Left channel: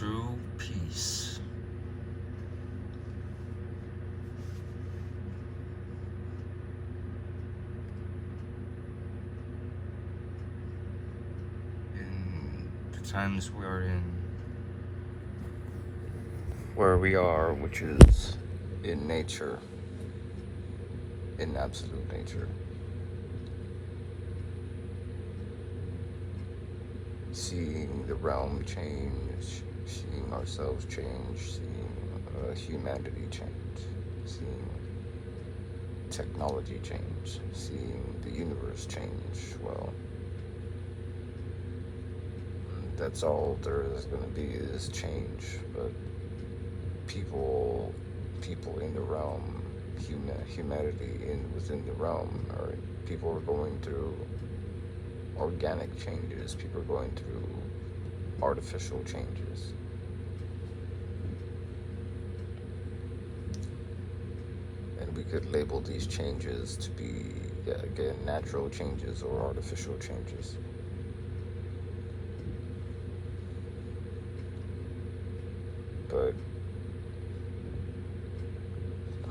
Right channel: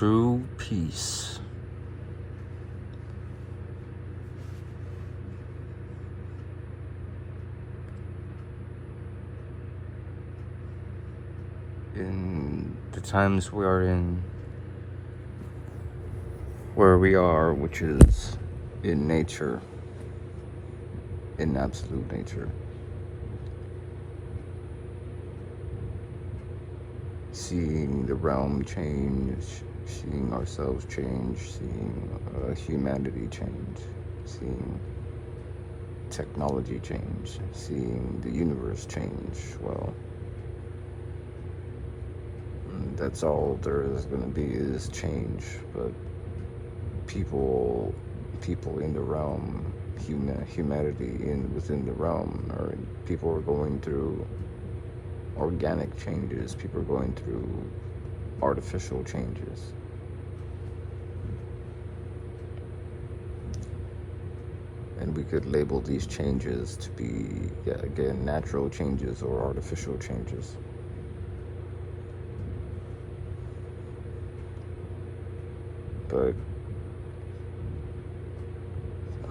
True peace. In the times we are in, where we are, which is in nature, in absolute nature, seeing the realm change, seeing ourselves change, seeing humanity change, seeing technology change, seeing the universe change. Well, that's all there is going to be, is change. But people in the realm, humanity within the realm, or people are going through organic changes. People are going through artificial changes. And we could label these changes to be, again, natural changes or artificial changes. But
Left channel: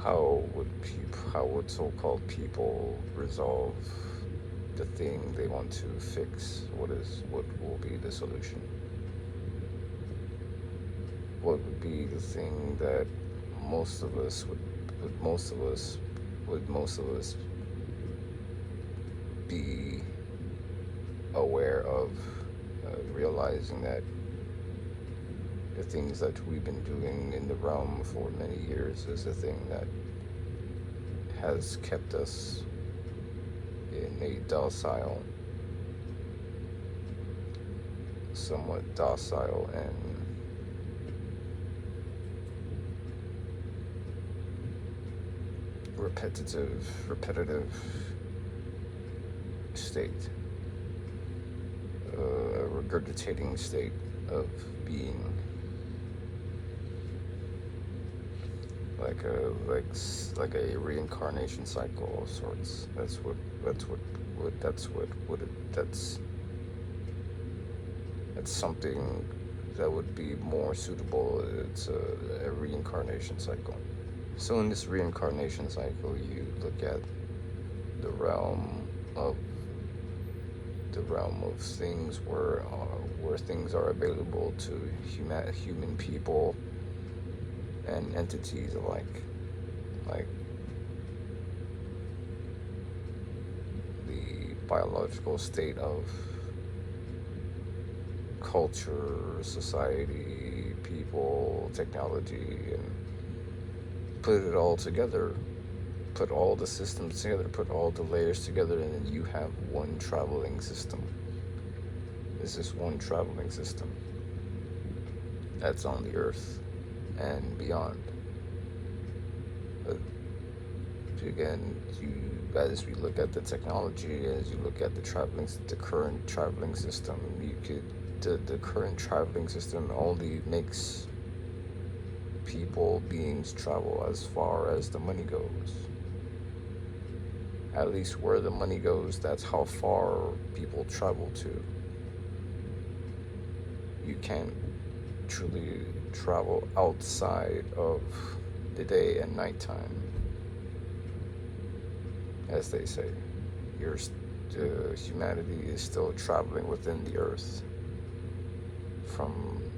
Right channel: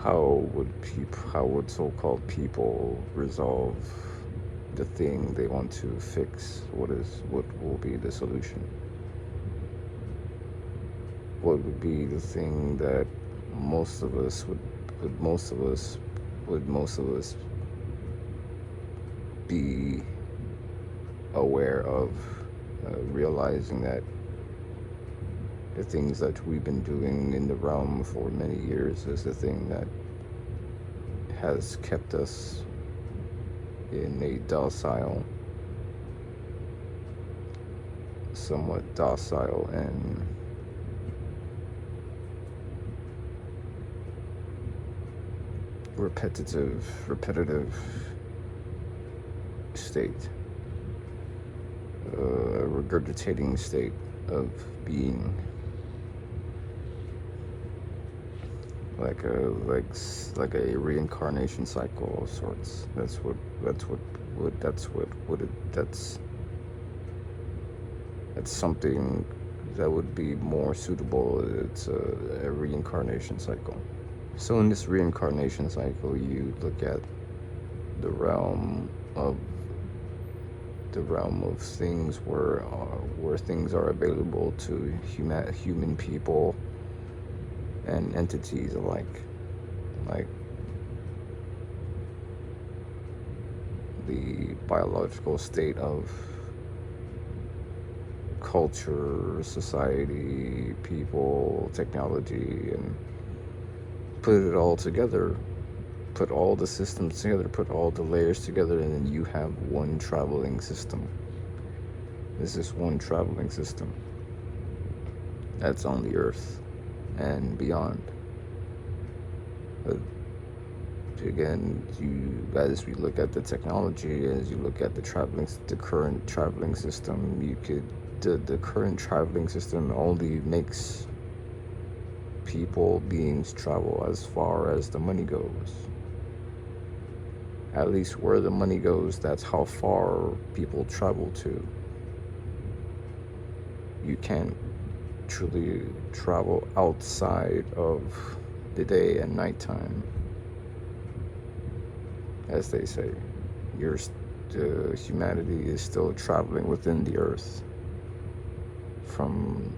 how would so-called people resolve the thing they want to fix? What will be the solution? What would be the thing that most of us would be aware of, realizing that the things that we've been doing in the realm for many years is the thing that has kept us in a somewhat docile and repetitive state, regurgitating state of being, like a reincarnation cycle of sorts. That's something that would be more suitable. It's a reincarnation cycle. So in this reincarnation cycle, you look at the realm of things where things are available to human people and entities alike, like the biological state of culture, society, people, technology, and put it all together, put all the systems together, put all the layers together, and then you have one traveling system. This is one traveling system that's on the earth and beyond. But again, as we look at the technology, as you look at the current traveling system, the current traveling system only makes beings travel as far as the money goes. At least where the money goes, that's how far people travel to. You can't truly travel outside of the day and nighttime, as they say. Humanity is still traveling within the earth, from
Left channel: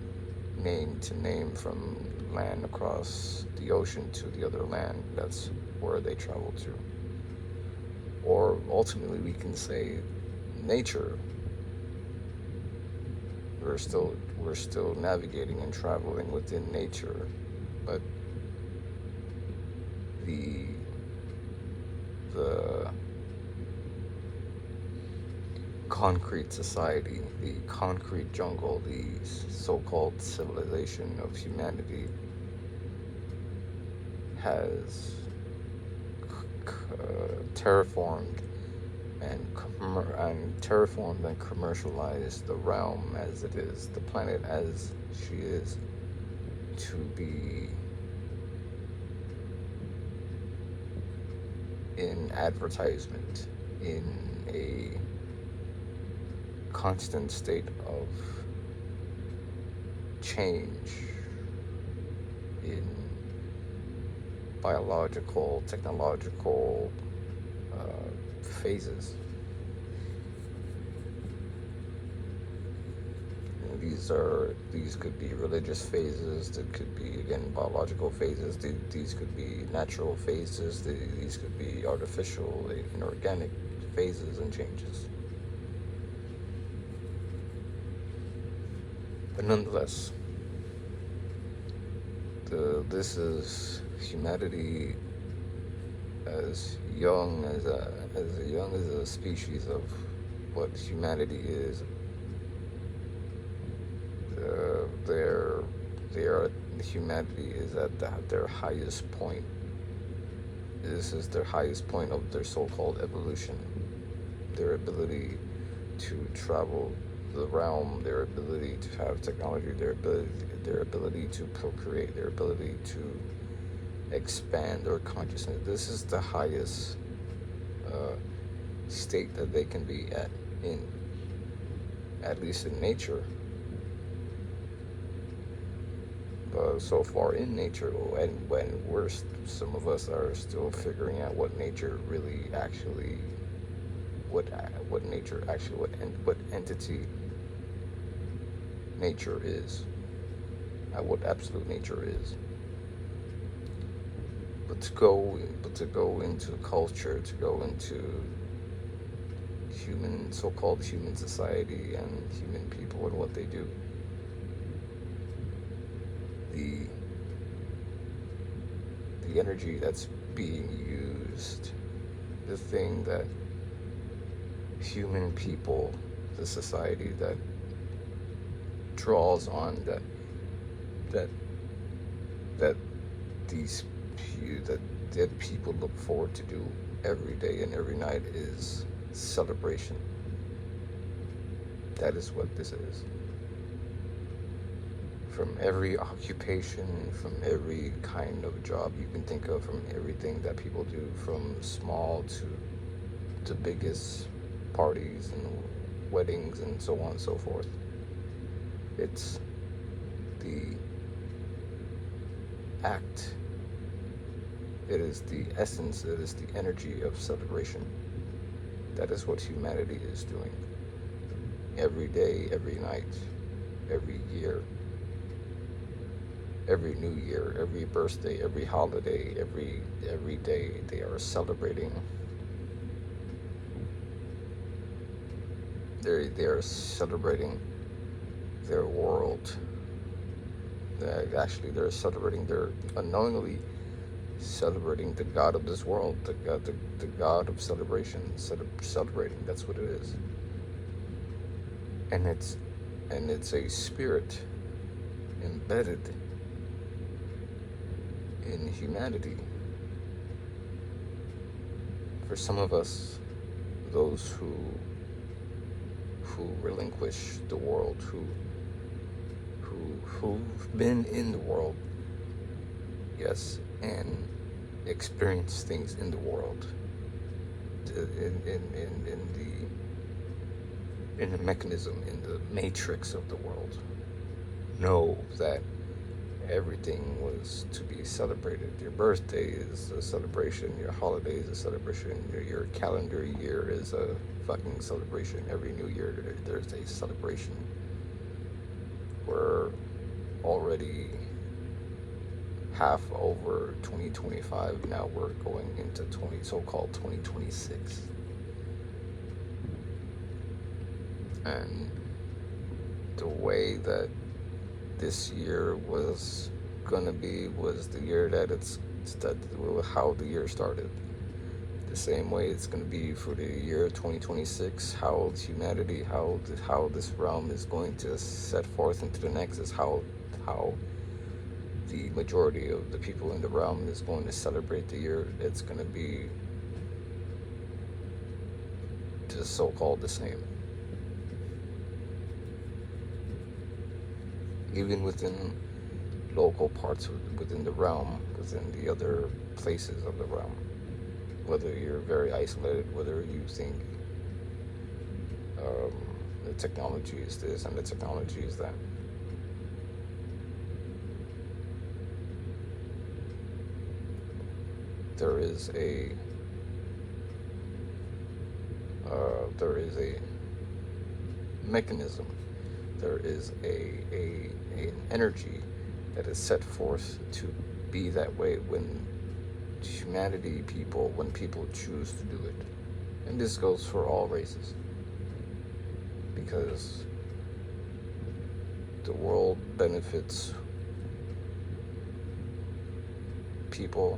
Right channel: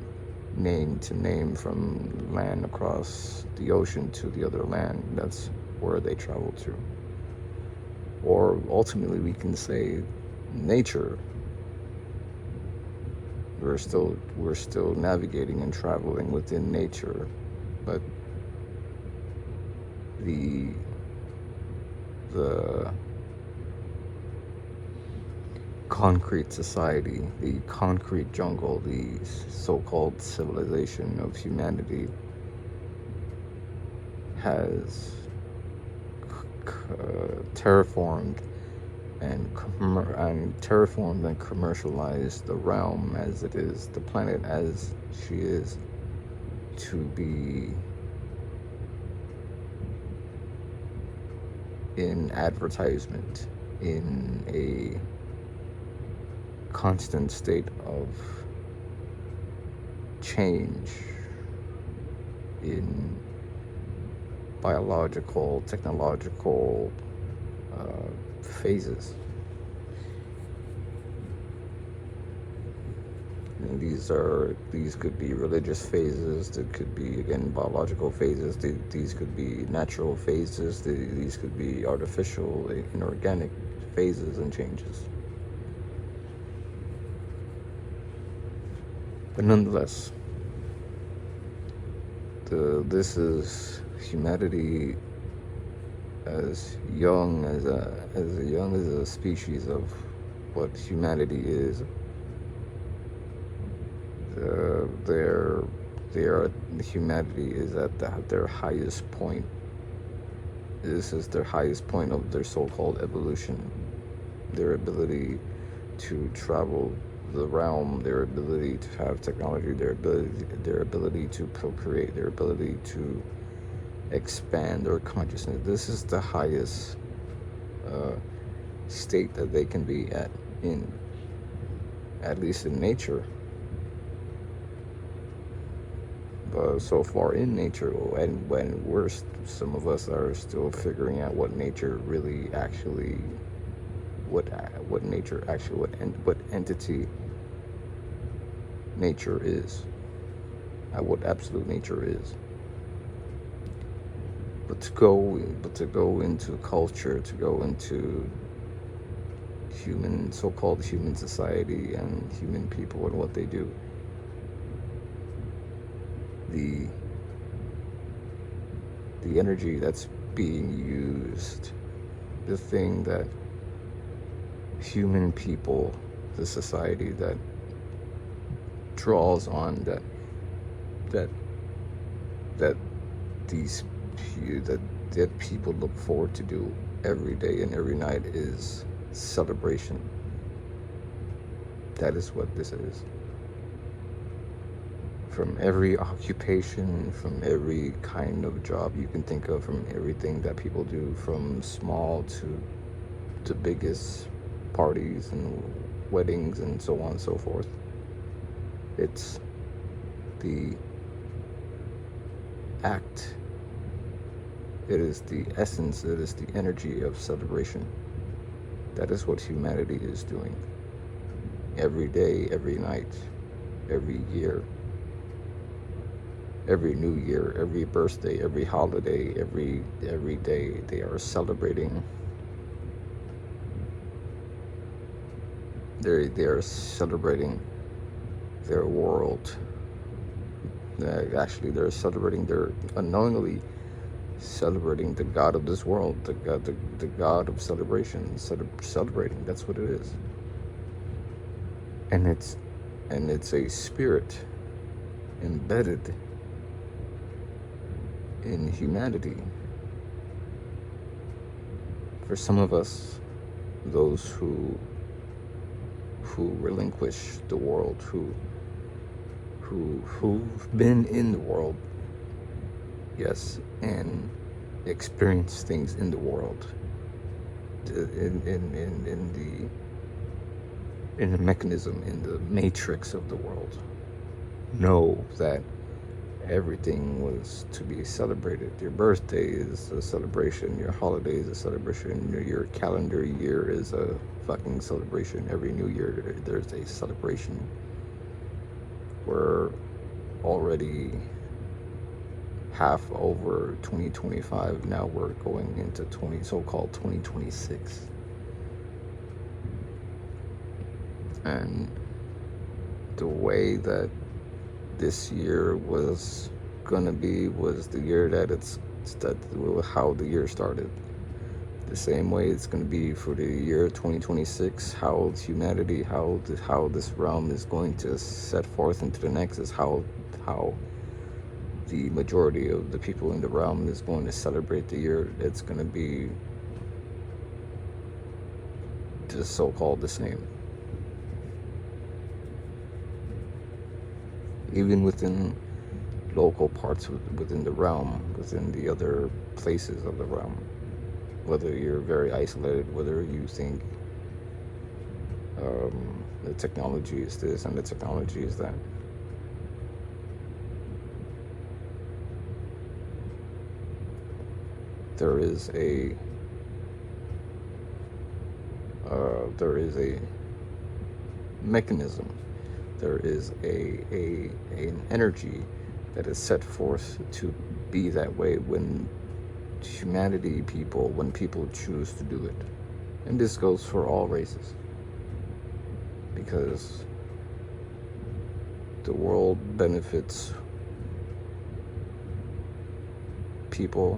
name to name, from land across the ocean to the other land. That's where they travel to. Or ultimately, we can say nature. We're still navigating and traveling within nature, but the concrete society, the concrete jungle, the so-called civilization of humanity has terraformed and commercialized the realm as it is, the planet as she is, to be in advertisement, in a constant state of change in biological, technological phases. And these could be religious phases. That could be, again, biological phases. These could be natural phases. These could be artificial, inorganic phases and changes. But nonetheless, this is humanity as young as a species of what humanity is. Humanity is at their highest point. This is their highest point of their so-called evolution. Their ability to travel the realm, their ability to have technology, their ability to procreate, their ability to expand their consciousness. This is the highest state that they can be at least in nature. So far in nature, and when worst, some of us are still figuring out what nature really actually, what entity nature is, what absolute nature is. But to go into culture, to go into so-called human society and human people and what they do, the energy that's being used, the thing that human people, the society that draws on, that people look forward to do every day and every night is celebration. That is what this is. From every occupation, from every kind of job you can think of, from everything that people do, from small to the biggest parties and weddings and so on and so forth. It's the act, it is the essence, it is the energy of celebration. That is what humanity is doing. Every day, every night, every year, every new year, every birthday, every holiday, every day, they are celebrating. They are celebrating their world. Actually, they're celebrating, they're unknowingly celebrating the God of this world, the God of celebration, celebrating. That's what it is. And it's a spirit embedded in humanity. For some of us, those who relinquish the world, who've been in the world, yes, and experience things in the world, in the mechanism, in the matrix of the world, know that everything was to be celebrated. Your birthday is a celebration, your holiday is a celebration, your calendar year is a fucking celebration. Every new year there's a celebration. We're already half over 2025, now we're going into so-called 2026. And the way that this year was gonna be was the year how the year started. The same way it's gonna be for the year 2026. How humanity, how this realm is going to set forth into the next is how the majority of the people in the realm is going to celebrate the year. It's gonna be just so-called the same. Even within local parts within the realm, within the other places of the realm, whether you're very isolated, whether you think the technology is this and the technology is that, there is a mechanism, there is an energy that is set forth to be that way when when people choose to do it. And this goes for all races, because the world benefits people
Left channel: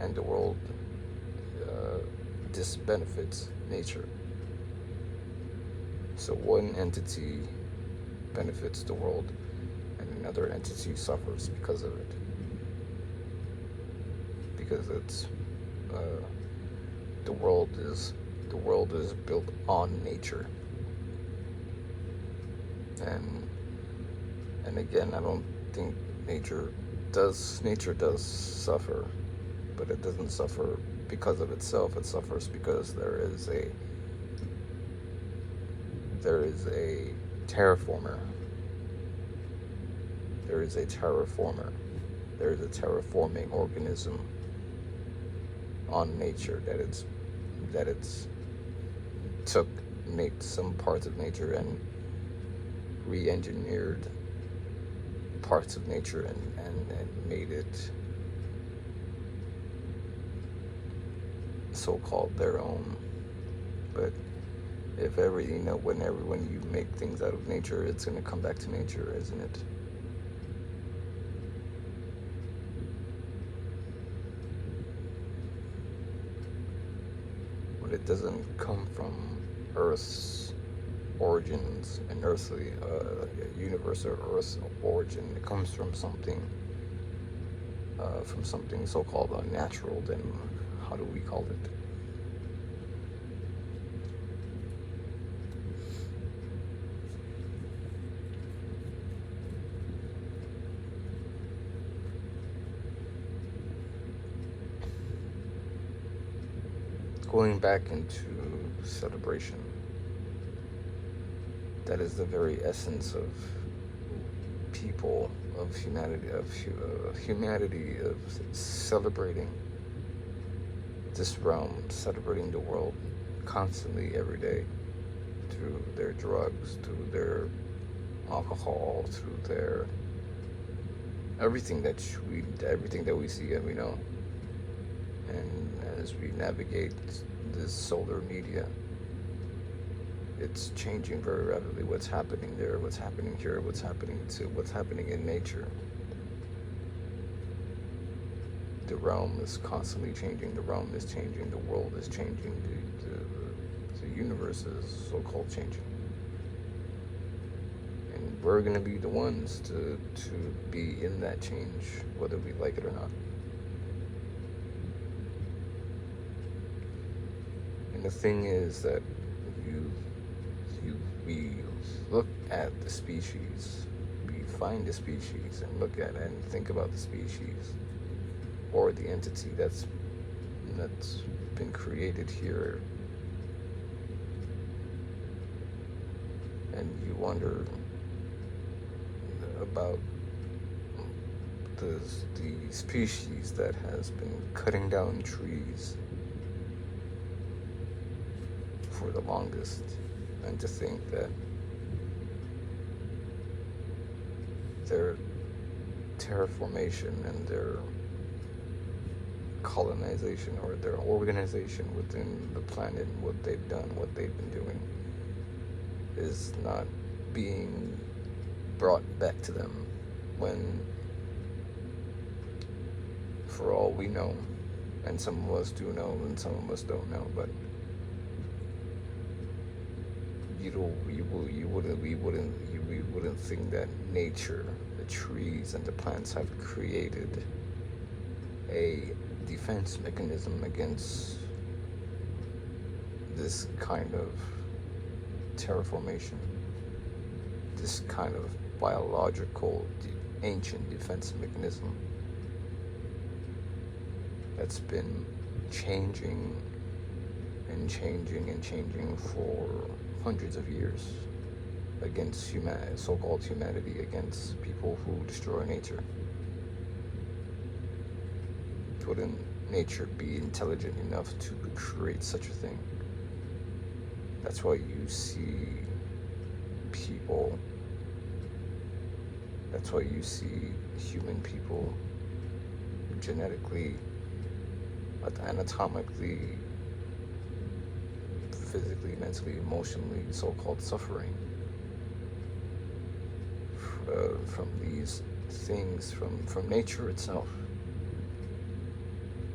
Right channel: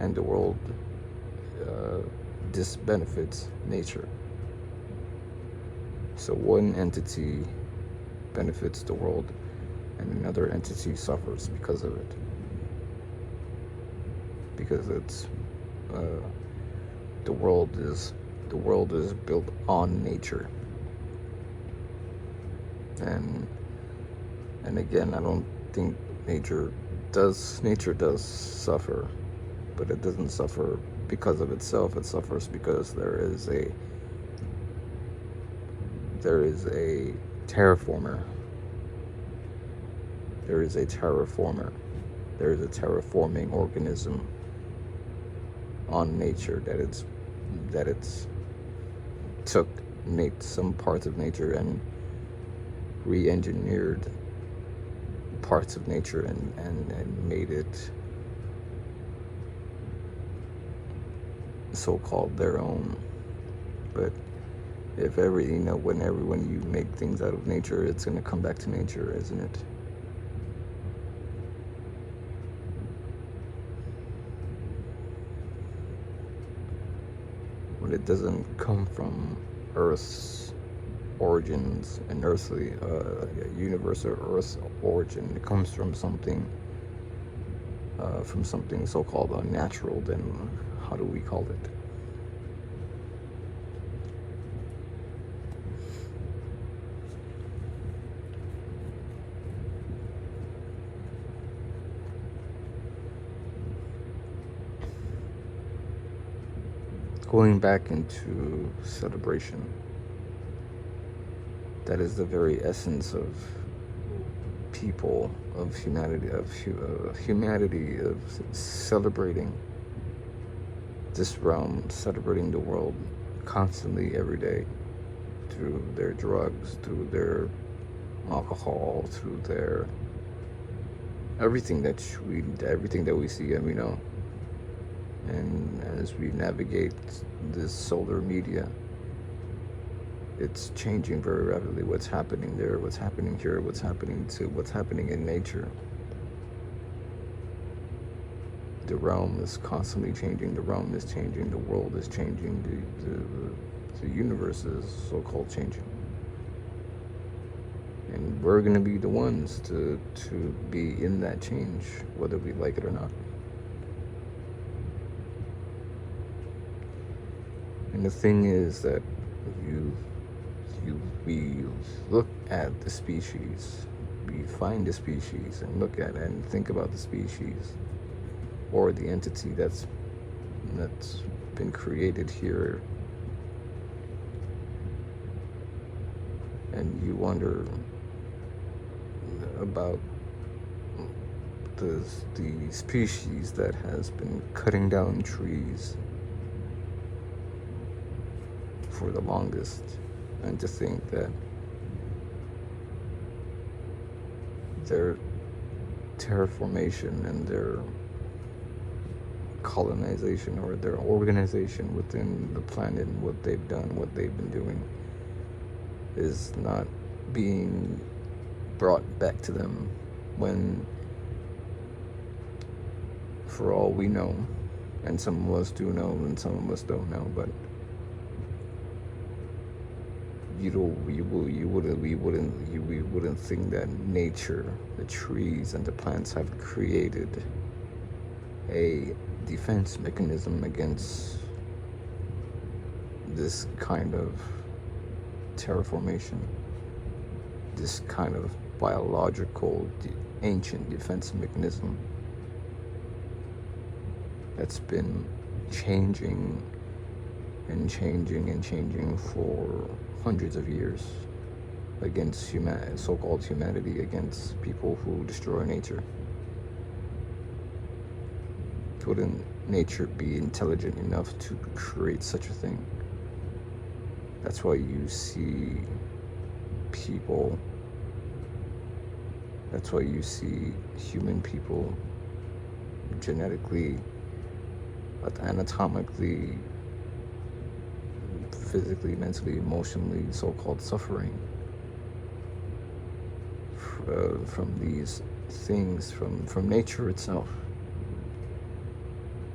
and the world disbenefits nature. So one entity benefits the world and another entity suffers because of it, because it's the world is built on nature. And again, I don't think nature does suffer, but it doesn't suffer because of itself. It suffers because there is a terraformer. There is a terraforming organism on nature that it's took some parts of nature and re-engineered parts of nature and made it so-called their own. But if when you make things out of nature, it's going to come back to nature, isn't it? But it doesn't come from Earth's origins and earthly universe or Earth's origin. It comes from something so-called unnatural. Then how do we call it? Going back into celebration, that is the very essence of people, of humanity, of celebrating this realm, celebrating the world constantly, every day, through their drugs, through their alcohol, through their everything that we see, and we know. And as we navigate this solar media, it's changing very rapidly. What's happening there, what's happening here, what's happening in nature. The realm is constantly changing. The realm is changing. The world is changing. The universe is so-called changing. And we're going to be the ones to be in that change, whether we like it or not. And the thing is that we look at the species, we find the species and look at it and think about the species or the entity that's been created here, and you wonder about the species that has been cutting down trees for the longest, and to think that their terraformation and their colonization or their organization within the planet, what they've done, what they've been doing, is not being brought back to them, when for all we know, and some of us do know and some of us don't know, but we wouldn't think that nature, the trees and the plants, have created a defense mechanism against this kind of terraformation, this kind of biological ancient defense mechanism that's been changing and changing for hundreds of years against so-called humanity, against people who destroy nature. wouldn't nature be intelligent enough to create such a thing? That's why you see people, that's why you see human people genetically, anatomically, physically, mentally, emotionally, so-called suffering from these things, from nature itself.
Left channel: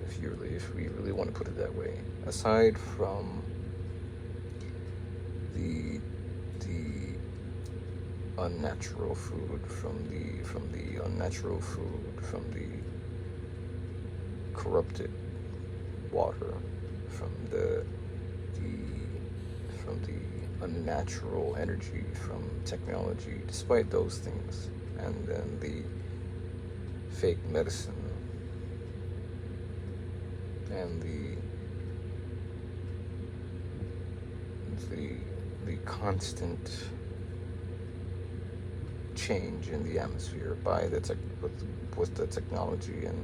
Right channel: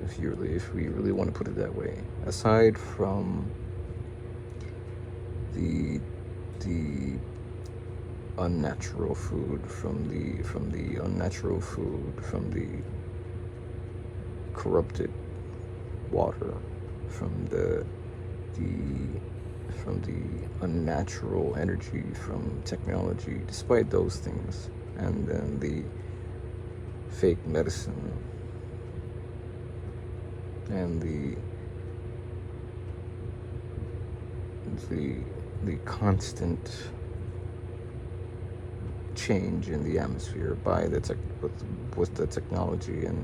If we really want to put it that way, aside from the unnatural food, from the unnatural food, from the corrupted water, from the unnatural energy from technology, despite those things, and then the fake medicine and the constant change in the atmosphere by with the technology, and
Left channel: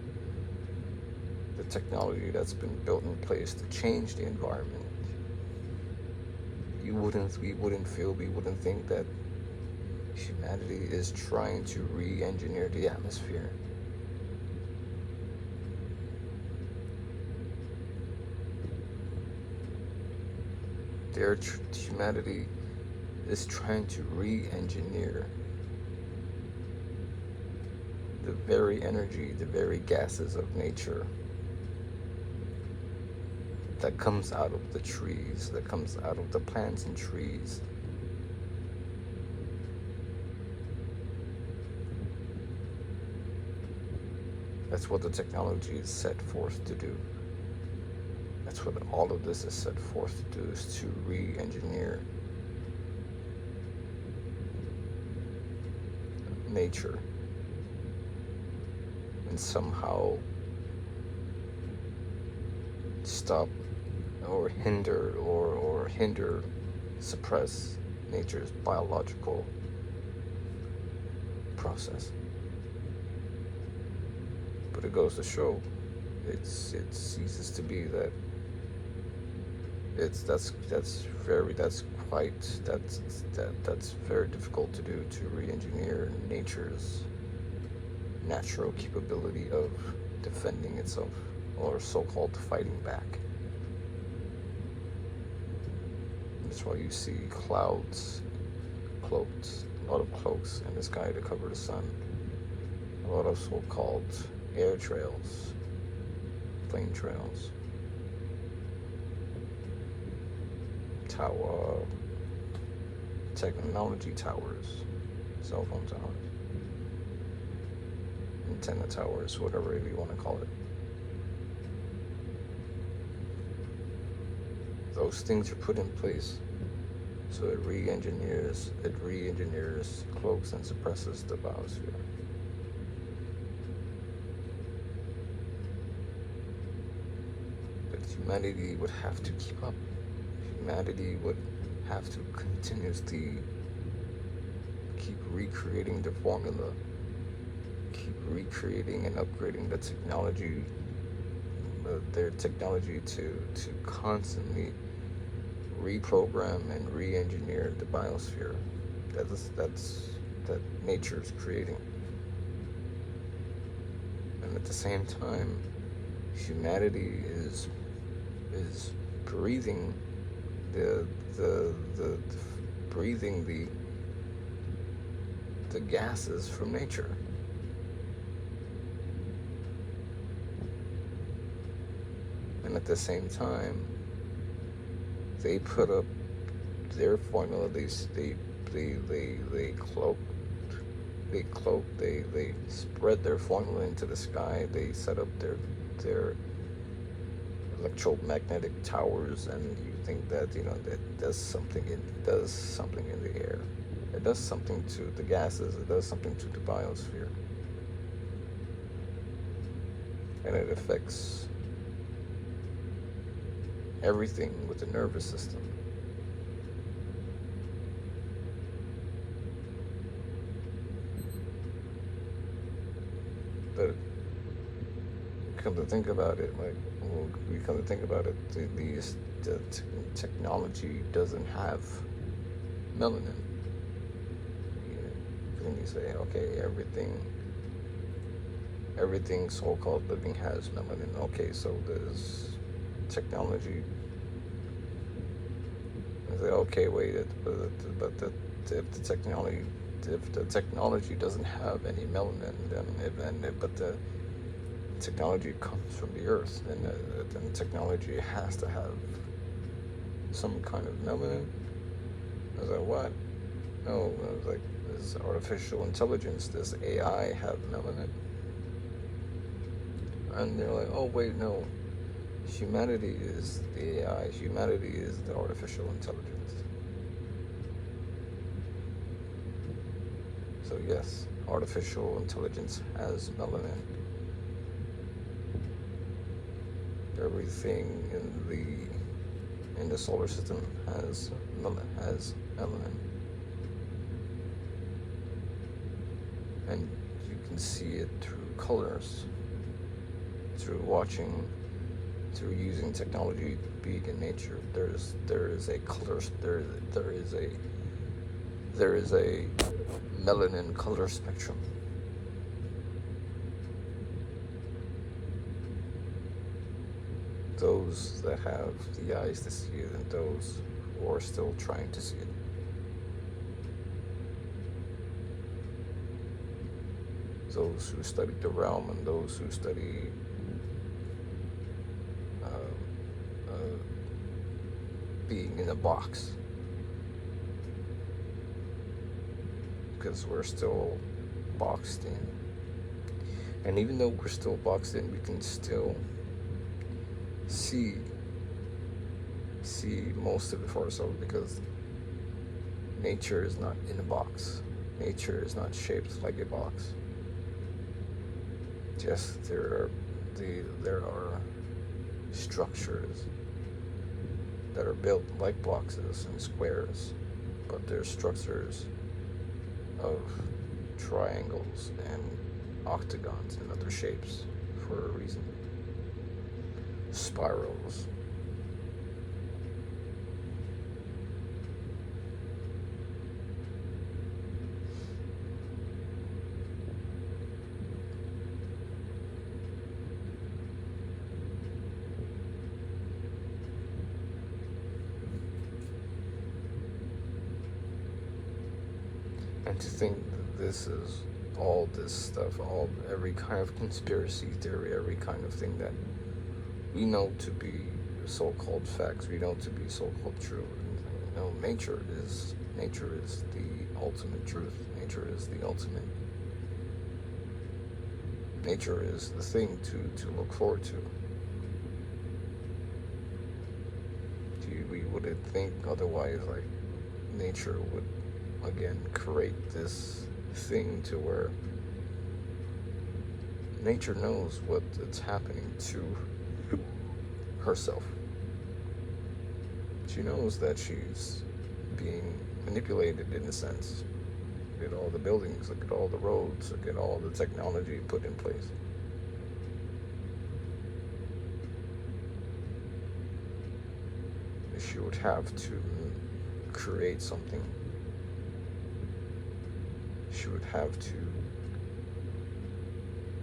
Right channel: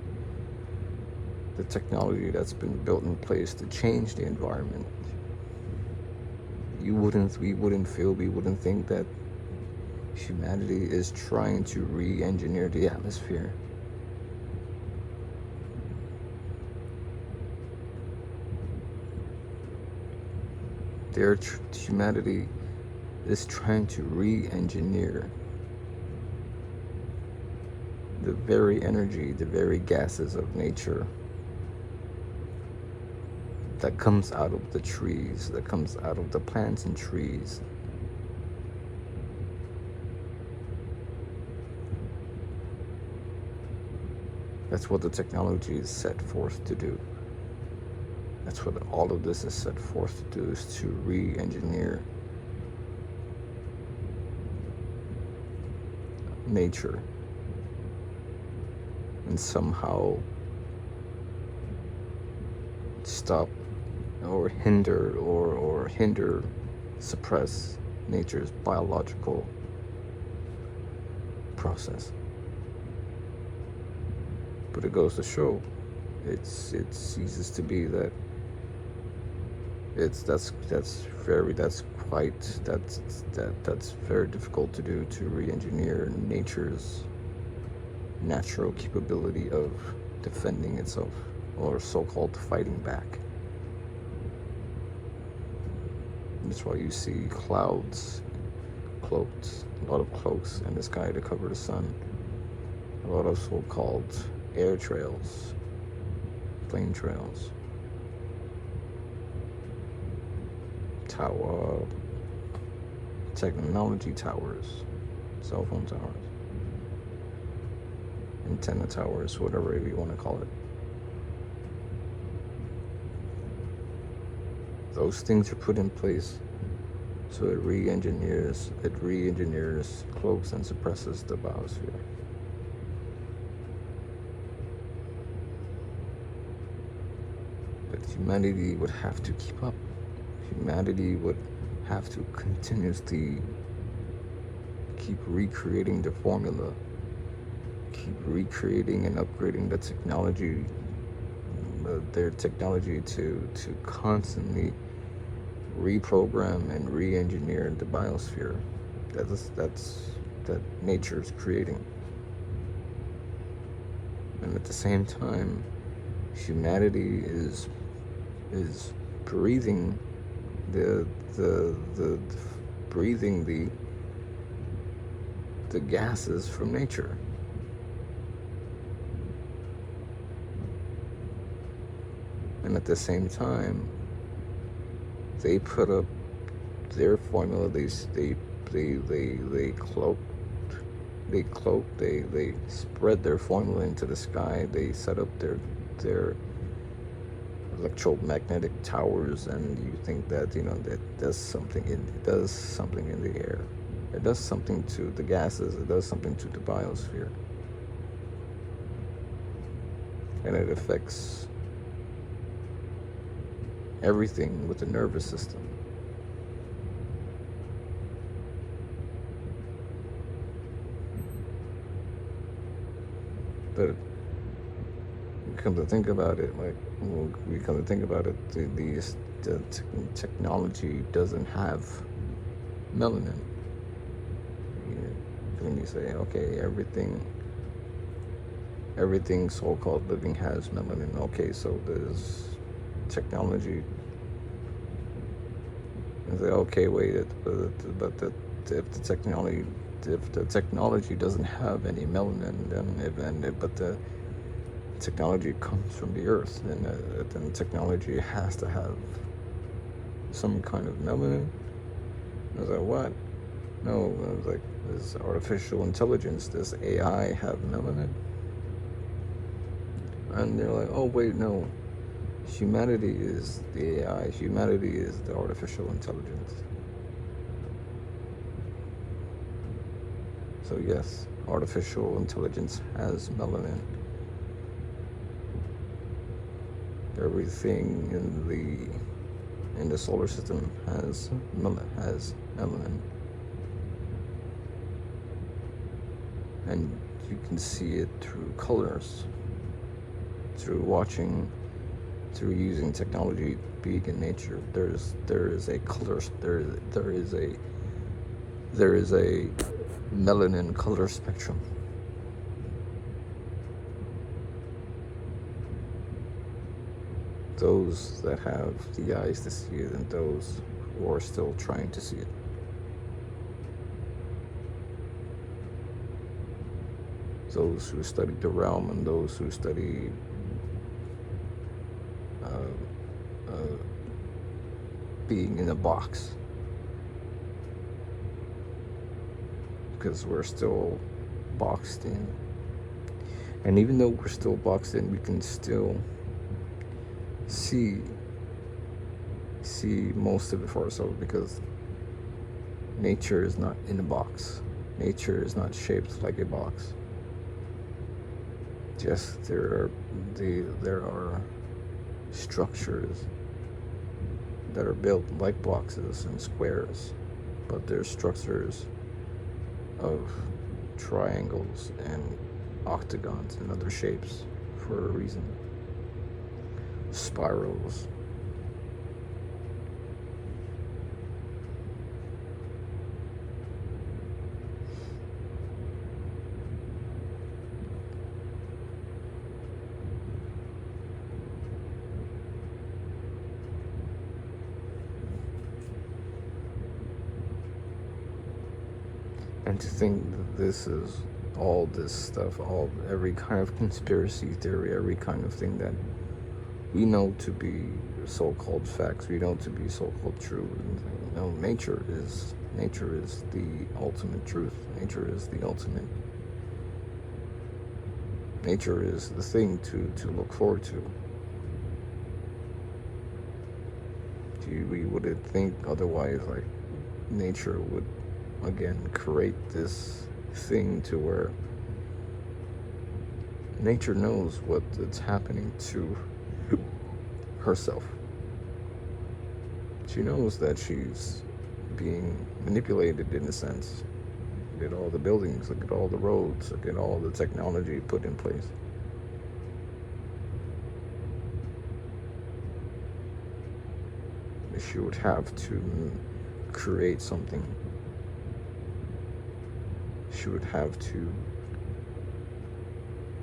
the technology that's been built in place to change the environment, we wouldn't think that humanity is trying to re-engineer the atmosphere. Humanity is trying to re-engineer the very energy, the very gases of nature that comes out of the trees, that comes out of the plants and trees. That's what the technology is set forth to do. That's what all of this is set forth to do, is to re-engineer nature and somehow stop or hinder suppress nature's biological process. But it goes to show, it ceases to be that that's very difficult to do, to re-engineer nature's natural capability of defending itself, or so-called fighting back. That's why you see clouds, cloaks, a lot of cloaks in the sky to cover the sun, a lot of so-called air trails, flame trails, technology towers, cell phone towers, antenna towers, whatever you want to call it. Those things are put in place so it re-engineers cloaks and suppresses the biosphere. But humanity would have to keep up. Humanity would have to continuously keep recreating the formula, keep recreating and upgrading the technology, their technology to constantly reprogram and re-engineer the biosphere that nature is creating. And at the same time, humanity is breathing the gases from nature. And at the same time, they put up their formula. They spread their formula into the sky. They set up their electromagnetic towers, and you think that that does something. It does something in the air. It does something to the gases. It does something to the biosphere, and it affects everything with the nervous system. But come to think about it, like we come to think about it, the technology doesn't have melanin. When you say, okay, everything so-called living has melanin. Okay, so there's technology. And say, okay, wait, but if the technology doesn't have any melanin, but the technology comes from the earth, then the technology has to have some kind of melanin. I was like, what? No, I was like, does artificial intelligence, does AI have melanin? And they're like, oh wait, no. Humanity is the AI. Humanity is the artificial intelligence. So yes, artificial intelligence has melanin. Everything in the solar system has melanin. And you can see it through colors, through using technology, being in nature. There is a color. There is a melanin color spectrum. Those that have the eyes to see it, and those who are still trying to see it. Those who study the realm, and those who study being in a box, because we're still boxed in. And even though we're still boxed in, we can still see most of it for ourselves, because nature is not in a box. Nature is not shaped like a box. Yes, there are structures that are built like boxes and squares, but they're structures of triangles and octagons and other shapes for a reason. Spirals. And to think that this is all this stuff, every kind of conspiracy theory, every kind of thing that we know to be so-called facts, we know to be so-called true. No, nature is the ultimate truth. Nature is the ultimate. Nature is the thing to look forward to. We wouldn't think otherwise. Like, nature would again create this thing to where nature knows what it's happening to herself. She knows that she's being manipulated in a sense. Look at all the buildings, look at all the roads, look at all the technology put in place. She would have to create something. She would have to,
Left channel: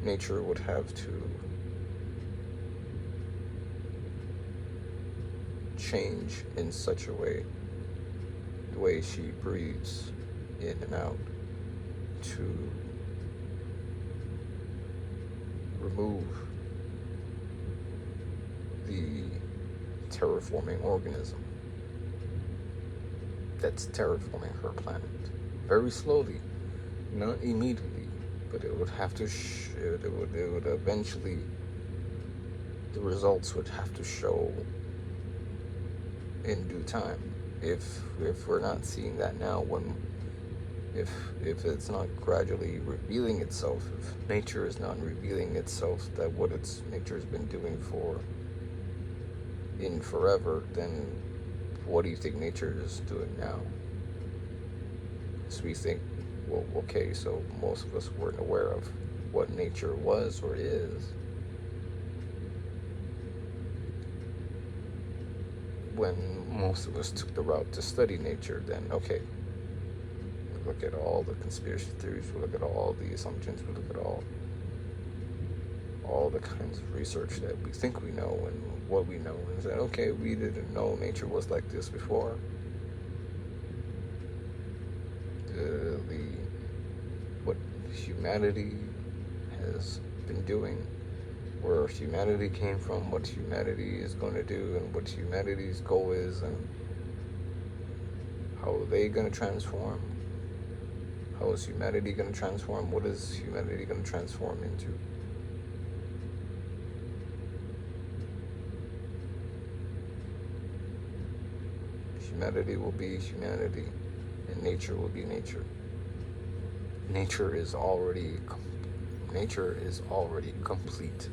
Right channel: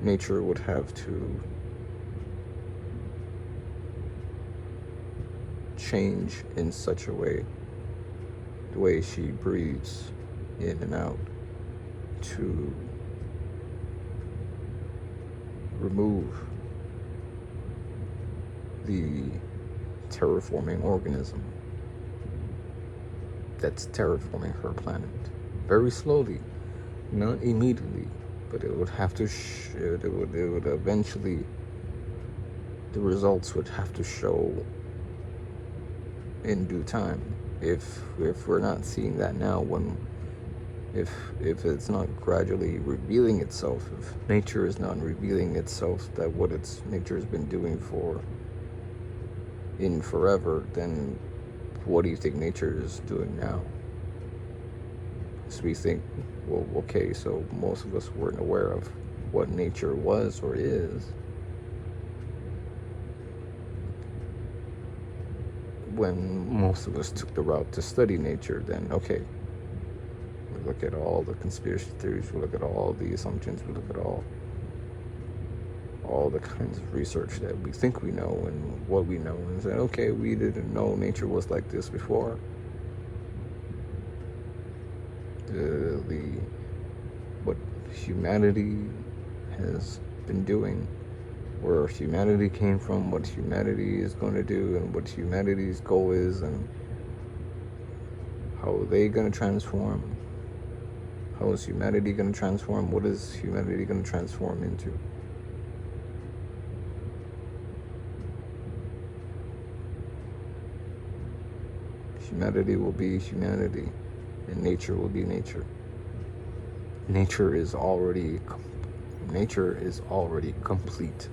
nature would have to change in such a way, the way she breathes in and out, to remove the terraforming organism that's terraforming her planet. Very slowly, not immediately, but it would have to, it would eventually, the results would have to show in due time. If we're not seeing that now, if it's not gradually revealing itself, if nature is not revealing itself that what nature has been doing in forever, then what do you think nature is doing now? So we think, well, okay, so most of us weren't aware of what nature was or is. when most of us took the route to study nature, then okay, we look at all the conspiracy theories, we look at all the assumptions, we look at all the kinds of research that we think we know and what we know, and say, okay, we didn't know nature was like this before. What humanity has been doing, where humanity came from, what humanity is going to do, and what humanity's goal is, and how are they going to transform. How is humanity going to transform? What is humanity going to transform into? Humanity will be humanity, and nature will be nature. Nature is already complete,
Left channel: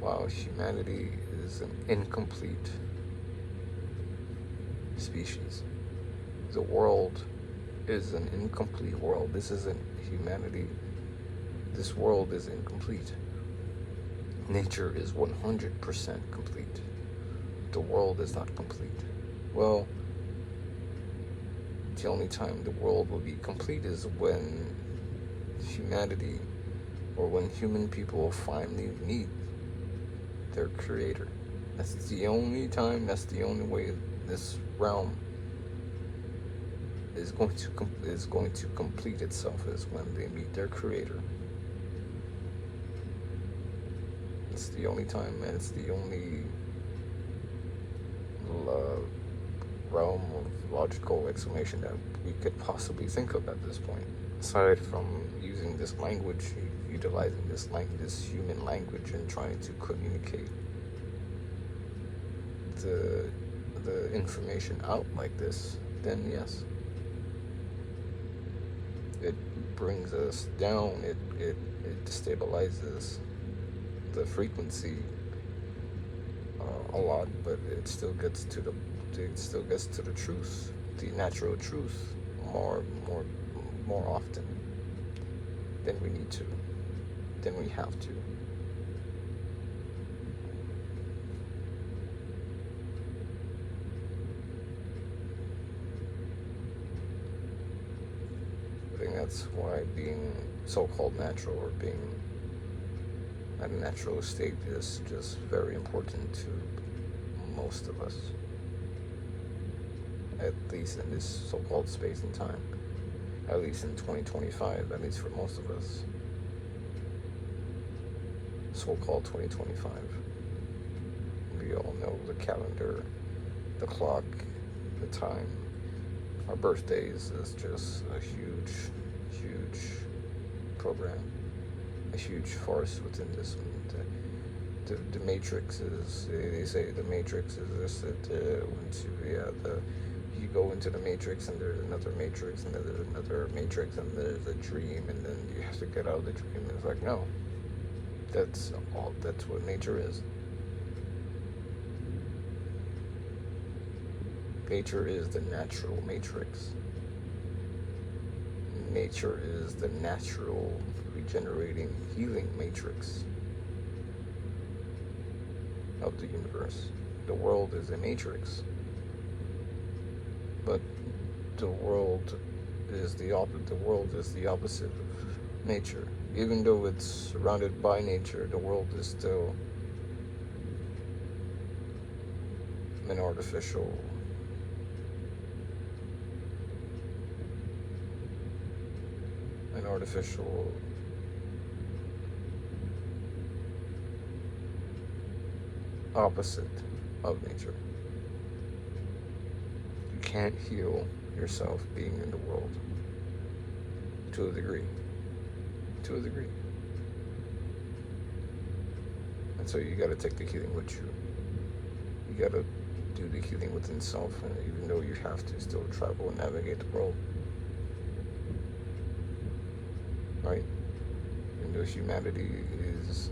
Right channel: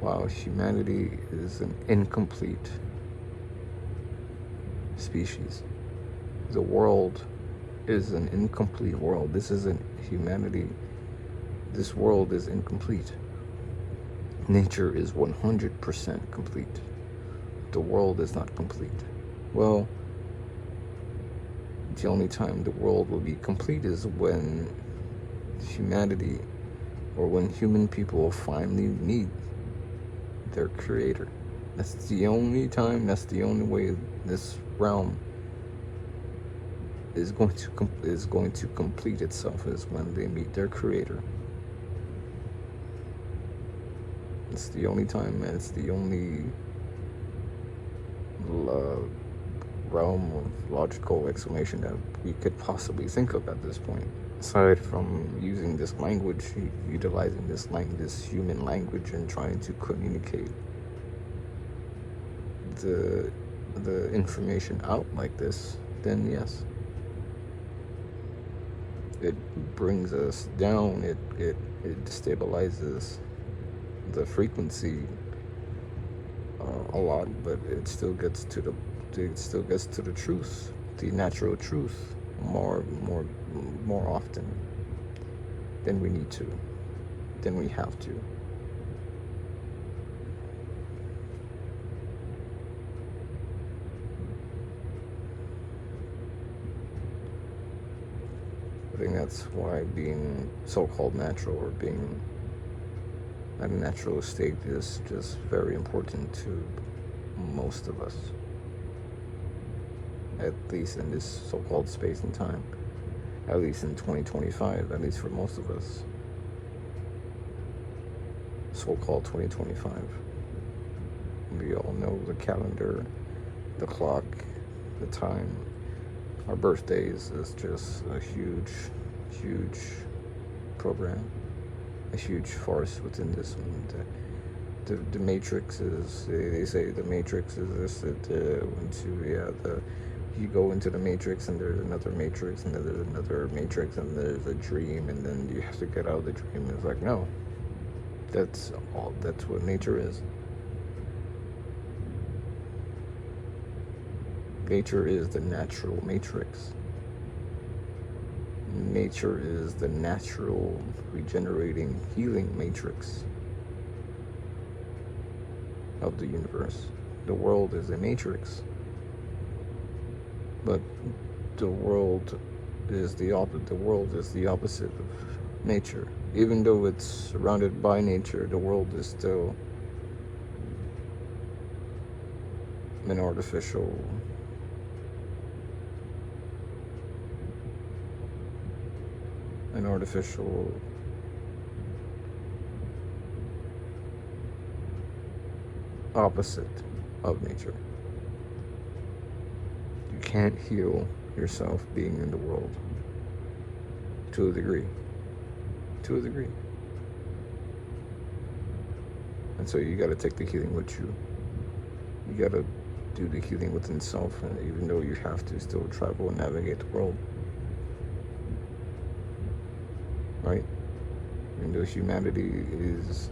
while humanity is an incomplete species. The world is an incomplete world. This isn't humanity. This world is incomplete. Nature is 100% complete. The world is not complete. Well, the only time the world will be complete is when humanity, or when human people finally meet their creator. That's the only time, that's the only way this realm is going to complete itself, is when they meet their creator. It's the only time, and it's the only realm of logical explanation that we could possibly think of at this point, aside from using this language, utilizing this human language, and trying to communicate the information out like this. Then yes, it brings us down. It destabilizes the frequency a lot, but it still gets to the truth, the natural truth, more often than we need to, than we have to. I think that's why being so-called natural, or being at a natural state, is just very important to most of us, at least in this so-called space and time, at least in 2025, at least for most of us. So-called 2025. We all know the calendar, the clock, the time. Our birthdays is just a huge program, a huge farce within this. The Matrix is, they say the Matrix is this, you go into the Matrix, and there's another Matrix, and then there's another Matrix, and there's a dream, and then you have to get out of the dream. And it's like, no, that's what nature is. Nature is the natural matrix. Nature is the natural, regenerating, healing matrix of the universe. The world is a matrix, but the world is the opposite of nature. Even though it's surrounded by nature, the world is still an artificial opposite of nature. You can't heal yourself being in the world, to a degree. And so you got to take the healing with you. You got to do the healing within self, and even though you have to still travel and navigate the world, right? And though humanity is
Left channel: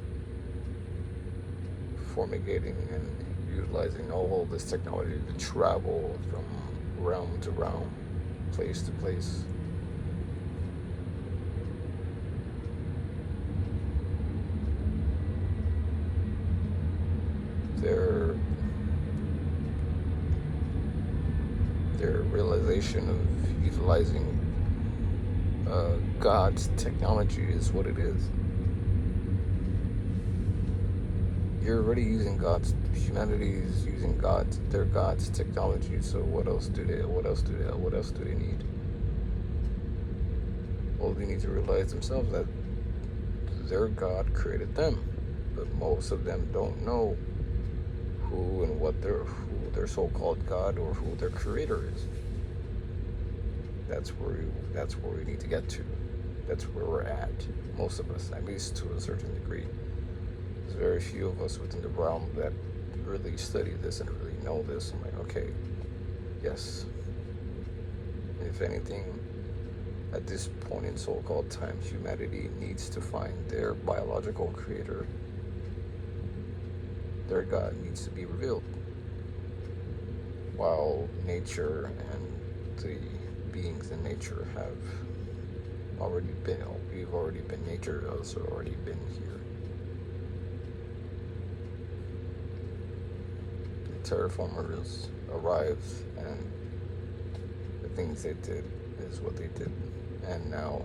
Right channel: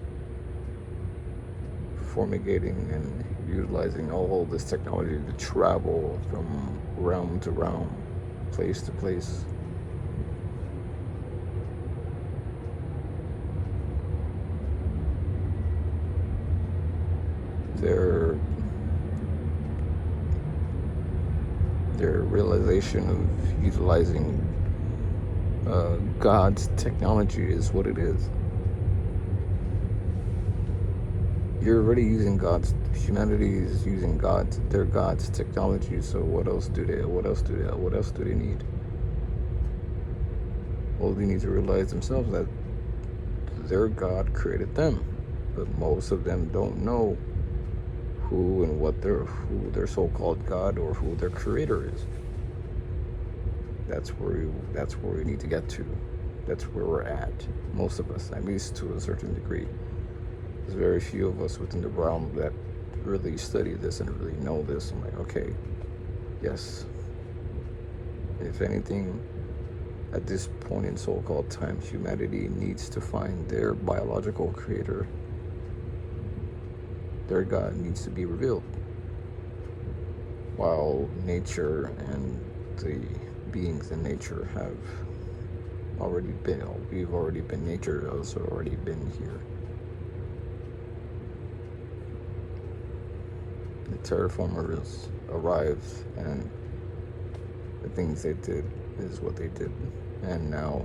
fumigating and utilizing all this technology to travel from realm to realm, place to place, they're realization of utilizing God's technology is what it is. You're already using humanity is using their God's technology, so what else do they need? Well, they need to realize themselves that their God created them, but most of them don't know who and who their so-called God or who their creator is. That's where we need to get to. That's where we're at. Most of us, at least to a certain degree. There's very few of us within the realm that really study this and really know this. I'm like, okay, yes. If anything, at this point in so-called time, humanity needs to find their biological creator. Their God needs to be revealed. While nature and the beings in nature have already been, we've already been, nature has already been here. The terraformers arrived, and the things they did is what they did. And now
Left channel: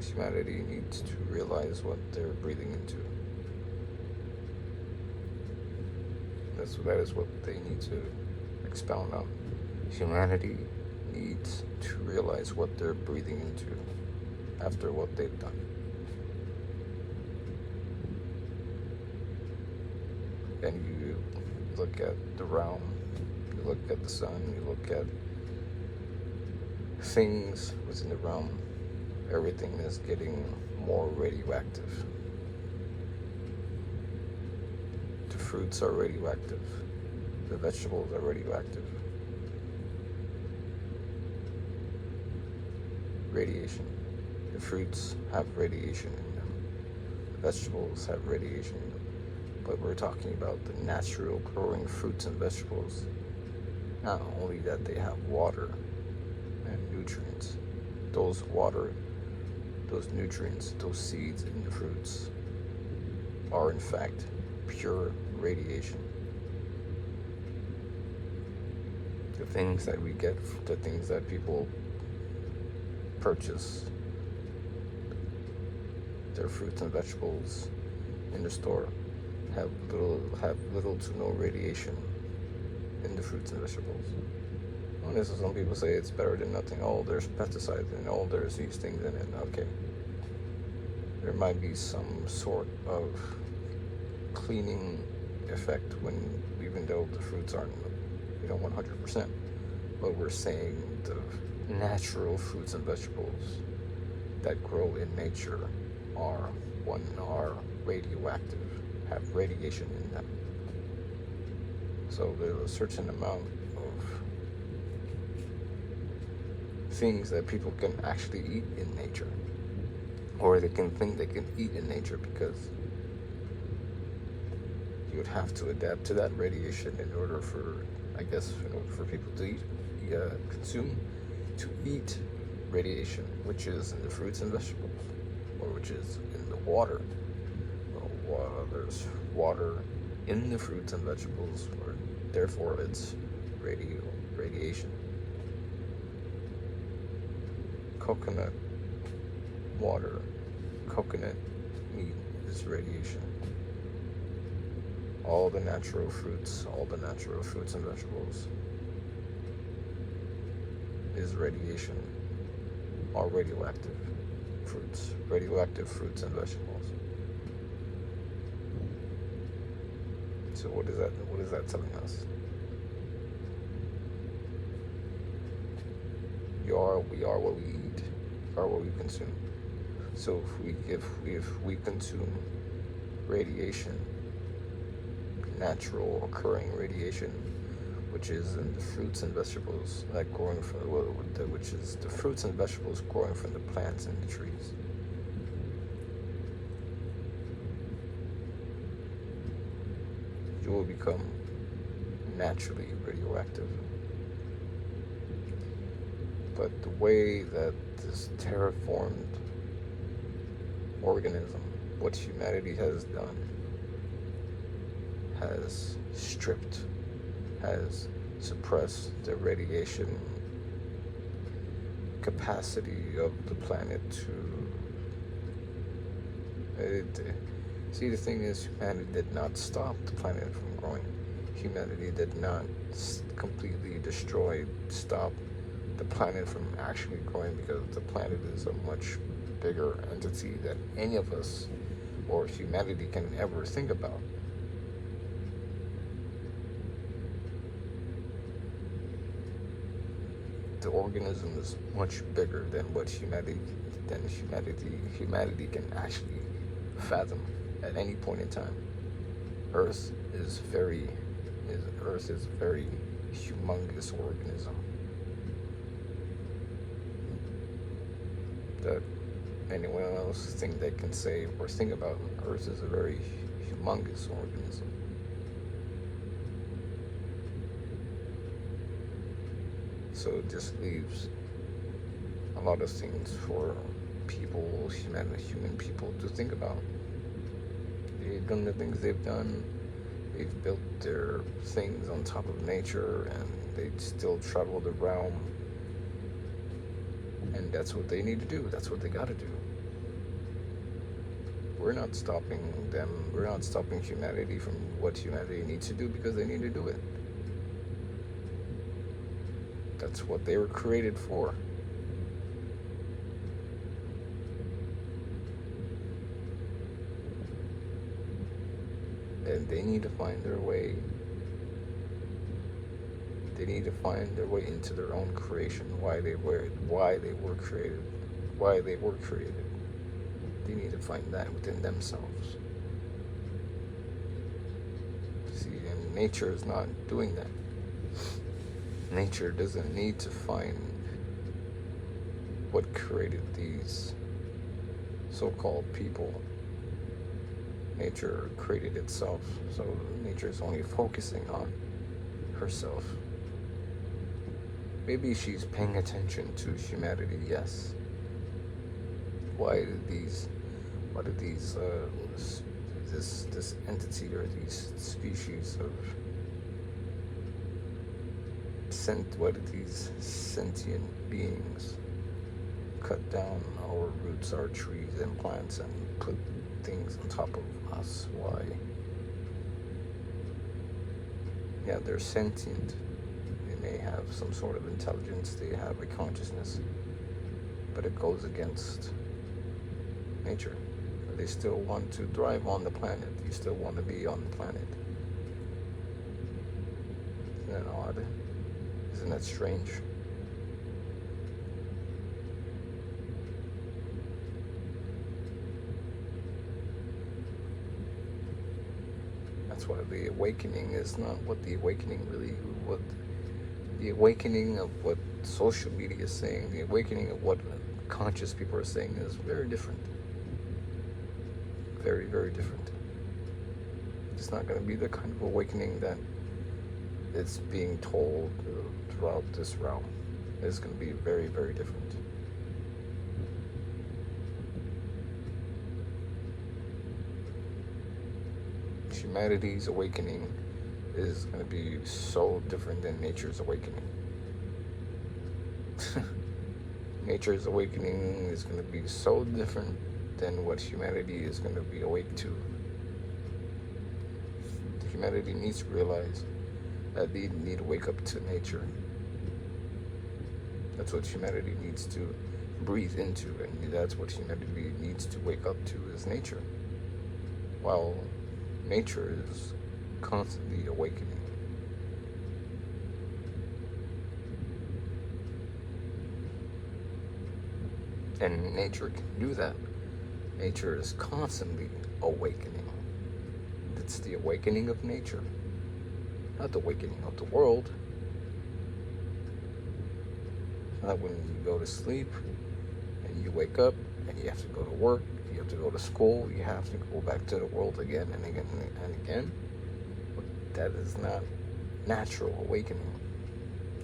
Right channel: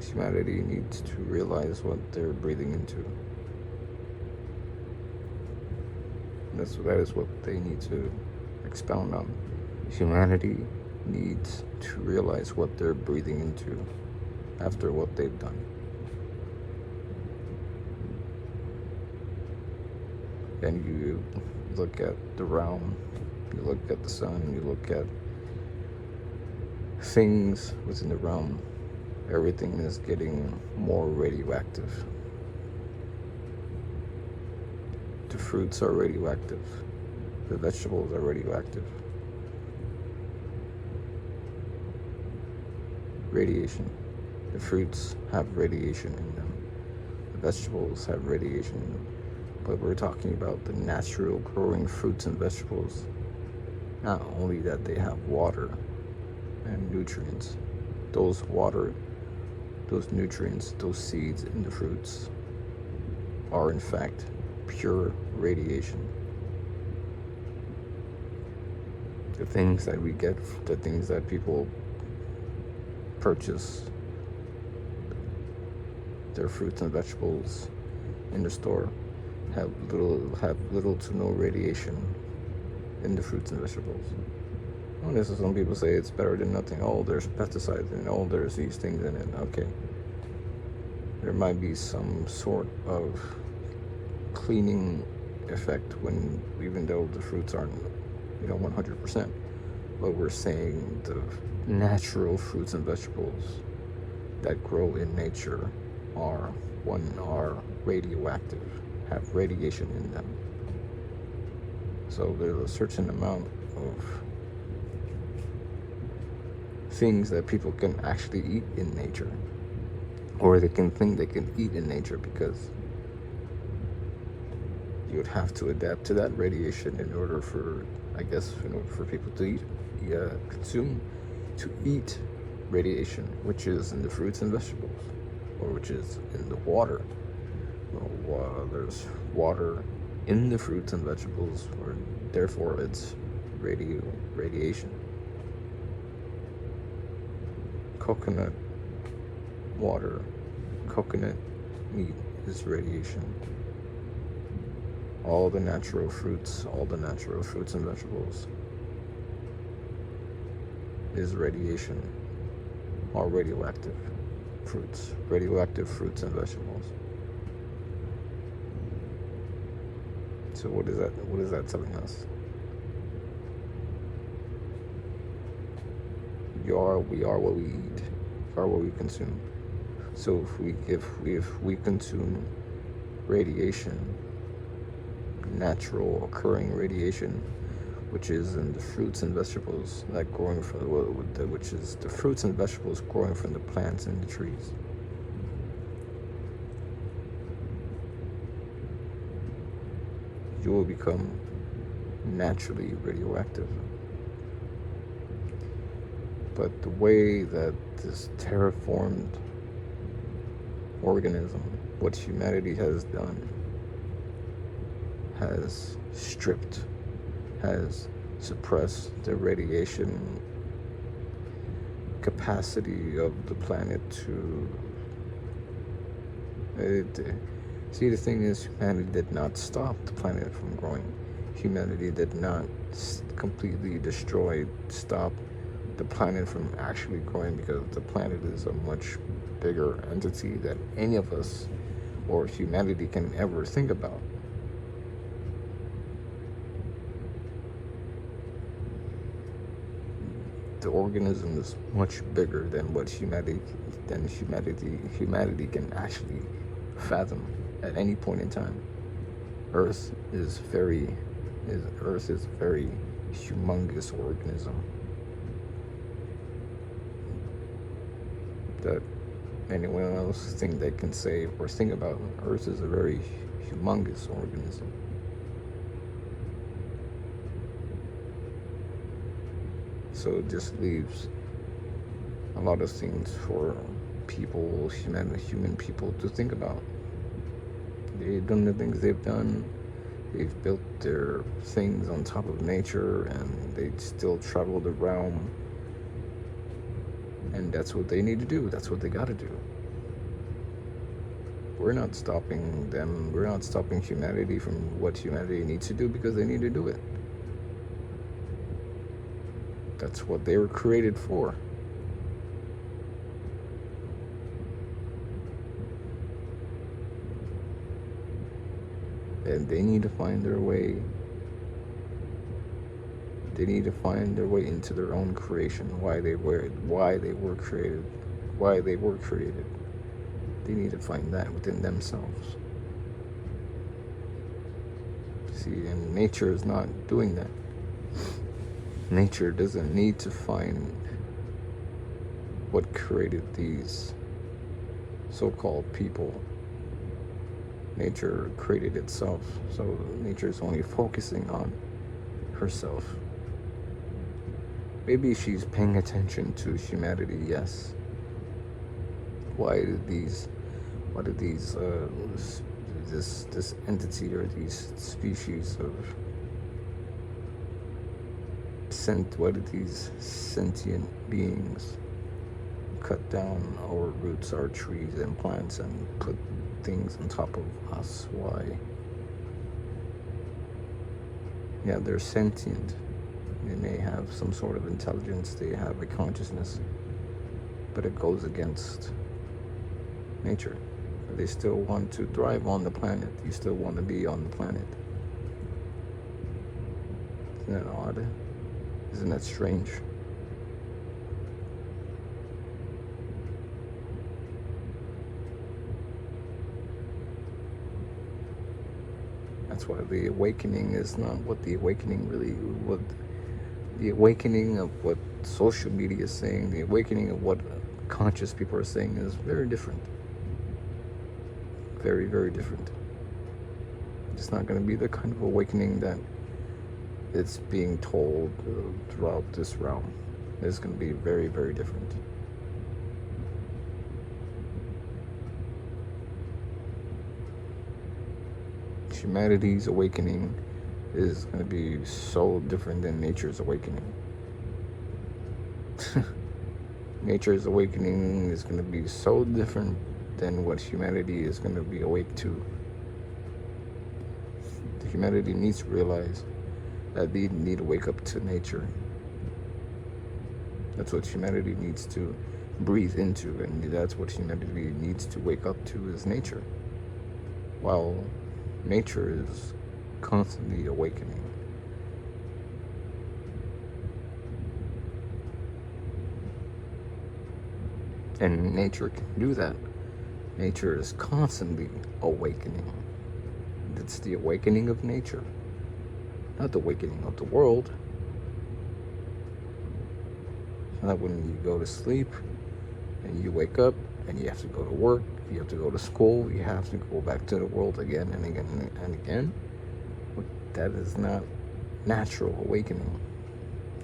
humanity needs to realize what they're breathing into. That is what they need to expound on. Humanity needs to realize what they're breathing into after what they've done. And you look at the realm, you look at the sun, you look at things within the realm, everything is getting more radioactive. The fruits are radioactive. The vegetables are radioactive. Radiation. The fruits have radiation in them. The vegetables have radiation in them. But we're talking about the natural growing fruits and vegetables. Not only that they have water and nutrients. Those water, those nutrients, those seeds in the fruits are in fact pure radiation. The things that we get, the things that people purchase, their fruits and vegetables in the store have little to no radiation in the fruits and vegetables. And this is, some people say it's better than nothing. Oh, there's pesticides and oh, there's these things in it. Okay, there might be some sort of cleaning effect even though the fruits aren't 100%, but we're saying the natural fruits and vegetables that grow in nature are radioactive, have radiation in them. So there's a certain amount of things that people can actually eat in nature, or they can think they can eat in nature, because you would have to adapt to that radiation in order for, I guess, for people to eat radiation, which is in the fruits and vegetables, or which is in the water. There's water in the fruits and vegetables, or therefore it's radiation. Coconut water, coconut meat is radiation. All the natural fruits and vegetables is radiation, or radioactive fruits and vegetables. So what is that telling us? We are what we eat, we are what we consume. So if we consume radiation, natural occurring radiation, which is in the fruits and vegetables which is the fruits and vegetables growing from the plants and the trees, you will become naturally radioactive. But the way that this terraformed organism, what humanity has done, has stripped, has suppressed the radiation capacity of the planet see, the thing is, humanity did not stop the planet from growing. Humanity did not completely stop the planet from actually growing, because the planet is a much bigger entity than any of us or humanity can ever think about. The organism is much bigger than what humanity can actually fathom at any point in time. Earth is a very humongous organism that anyone else think they can say or think about. Earth is a very humongous organism. So it just leaves a lot of things for people, human people, to think about. They've done the things they've done. They've built their things on top of nature, and they still travel the realm. And that's what they need to do. That's what they got to do. We're not stopping them. We're not stopping humanity from what humanity needs to do, because they need to do it. That's what they were created for. And they need to find their way. They need to find their way into their own creation, why they were created. They need to find that within themselves. See, and nature is not doing that. Nature doesn't need to find what created these so-called people. Nature created itself, so nature is only focusing on herself. Maybe she's paying attention to humanity, yes. Why did this entity or these species of these sentient beings cut down our roots, our trees and plants, and put things on top of us? Why? Yeah, they're sentient. They may have some sort of intelligence, they have a consciousness, but it goes against nature. They still want to thrive on the planet. You still want to be on the planet. Isn't that odd? Isn't that strange? That's why the awakening is not what the awakening of what social media is saying, the awakening of what conscious people are saying is very different. Very, very different. It's not going to be the kind of awakening that it's being told throughout this realm. It's going to be very, very different. Humanity's awakening is going to be so different than nature's awakening. Nature's awakening is going to be so different than what humanity is going to be awake to. Humanity needs to realize that they need to wake up to nature. That's what humanity needs to breathe into, and that's what humanity needs to wake up to, is nature. While nature is constantly awakening. And nature can do that. Nature is constantly awakening. It's the awakening of nature, not the awakening of the world. Not when you go to sleep and you wake up and you have to go to work, you have to go to school, you have to go back to the world again and again and again. That is not natural awakening.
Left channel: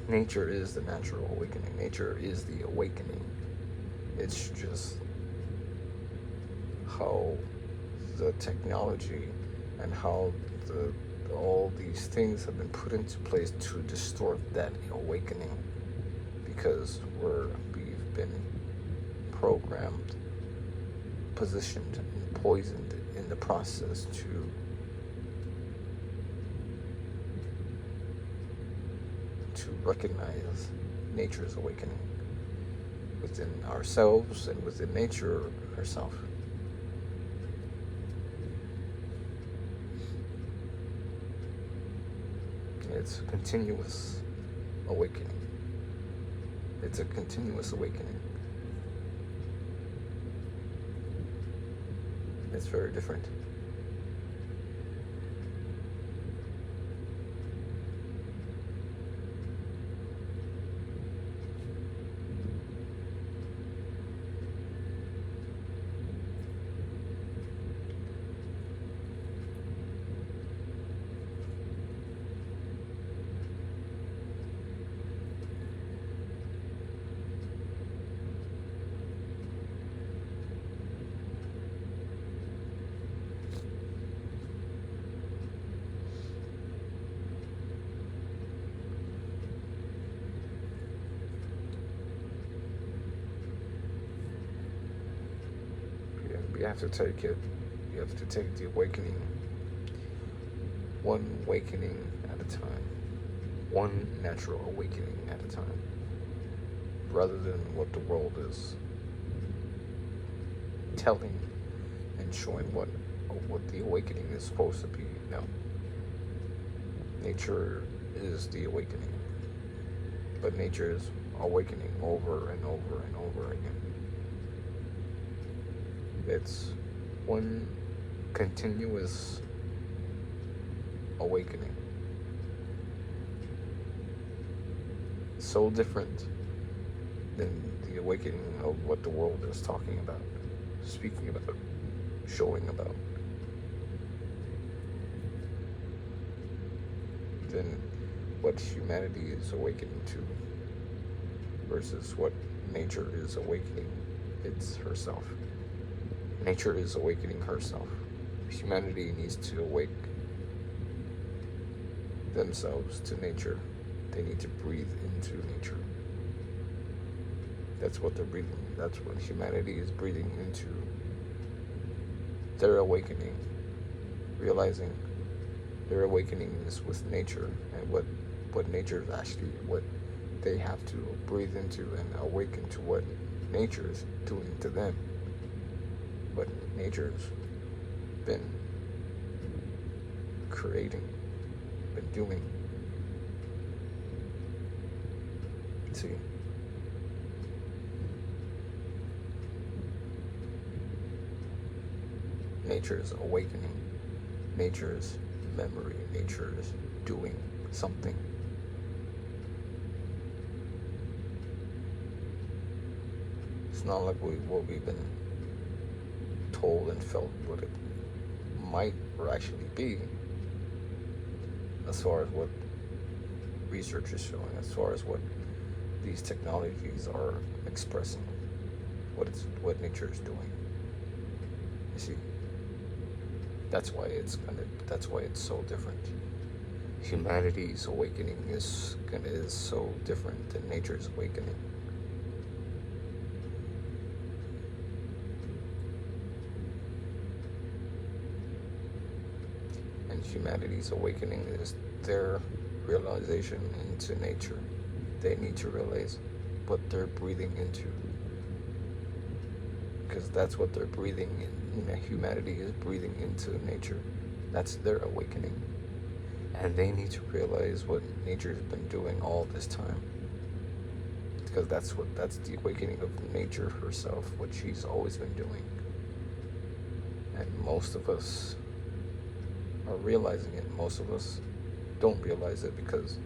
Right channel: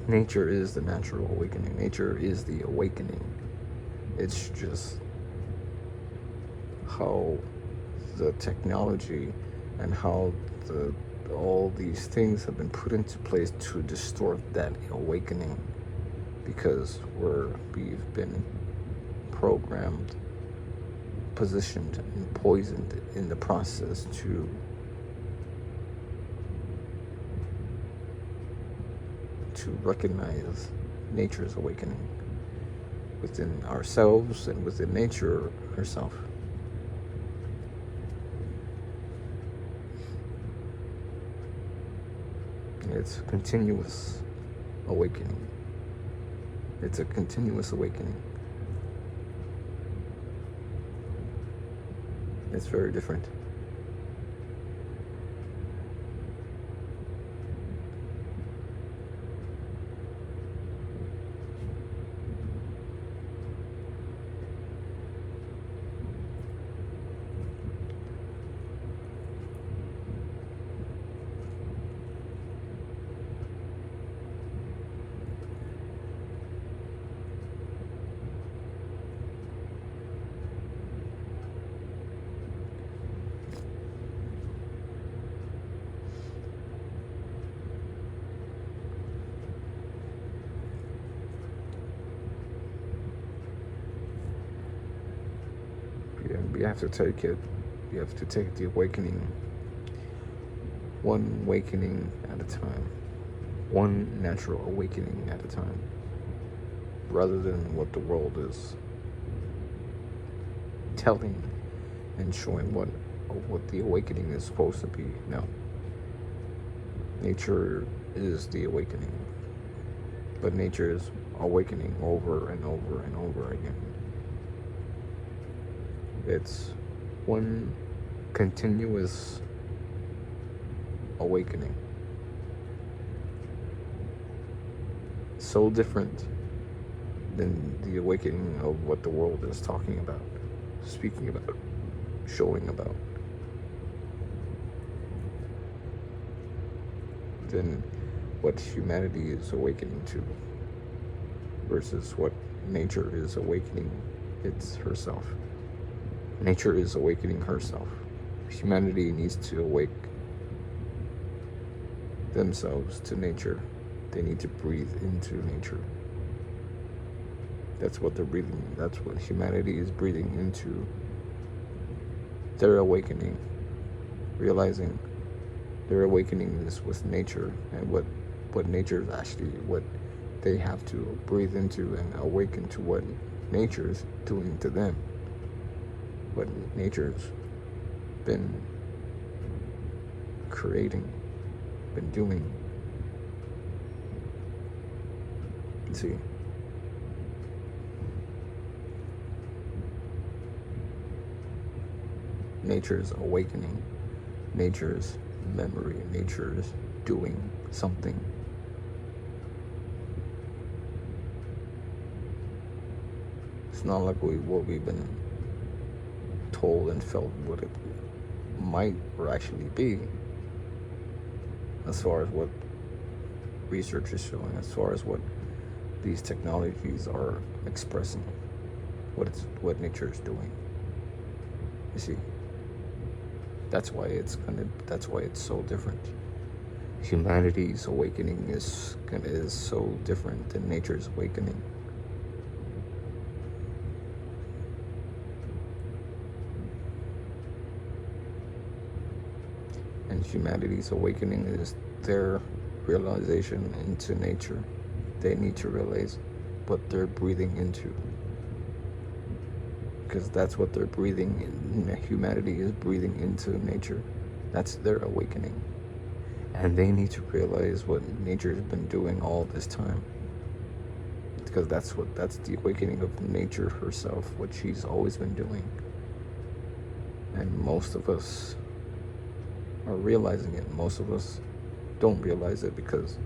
Nature is the natural awakening. Nature is the awakening. It's just how the technology and how the all these things have been put into place to distort that awakening, because we've been programmed, positioned, and poisoned in the process to recognize nature's awakening within ourselves and within nature herself. It's a continuous awakening. It's a continuous awakening. It's very different. You have to take it. You have to take the awakening, one awakening at a time, one natural awakening at a time, rather than what the world is telling and showing what the awakening is supposed to be. No. Nature is the awakening, but nature is awakening over and over and over again. It's one continuous awakening. So different than the awakening of what the world is talking about, speaking about, showing about. Than what humanity is awakening to versus what nature is awakening it's herself. Nature is awakening herself. Humanity needs to awake themselves to nature. They need to breathe into nature. That's what they're breathing. That's what humanity is breathing into. Their awakening, realizing their awakening is with nature, and what nature is actually what they have to breathe into and awaken to what nature is doing to them. What nature's been creating, been doing. See, nature's awakening, nature's memory, nature's doing something. It's not like what we've been told and felt what it might or actually be, as far as what research is showing, as far as what these technologies are expressing, what nature is doing. You see, that's why it's so different. Humanity's awakening is so different than nature's awakening. Humanity's awakening is their realization into nature. They need to realize what they're breathing into, because that's what they're breathing in. Humanity is breathing into nature. That's their awakening, and they need to realize what nature's been doing all this time, because that's the awakening of nature herself, what she's always been doing. And most of us are realizing it. Most of us don't realize it because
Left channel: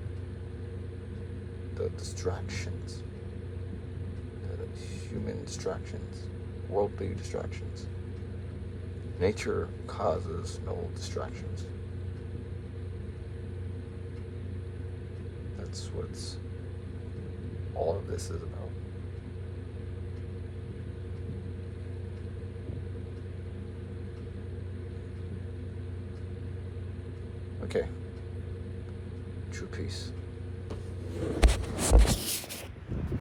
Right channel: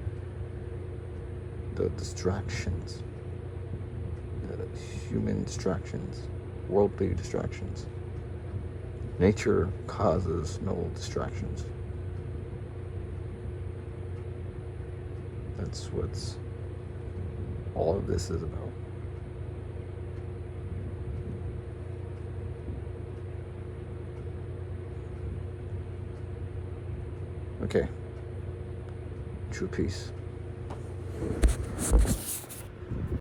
the distractions, the human distractions, worldly distractions. Nature causes no distractions. That's what all of this is about. Okay. True peace.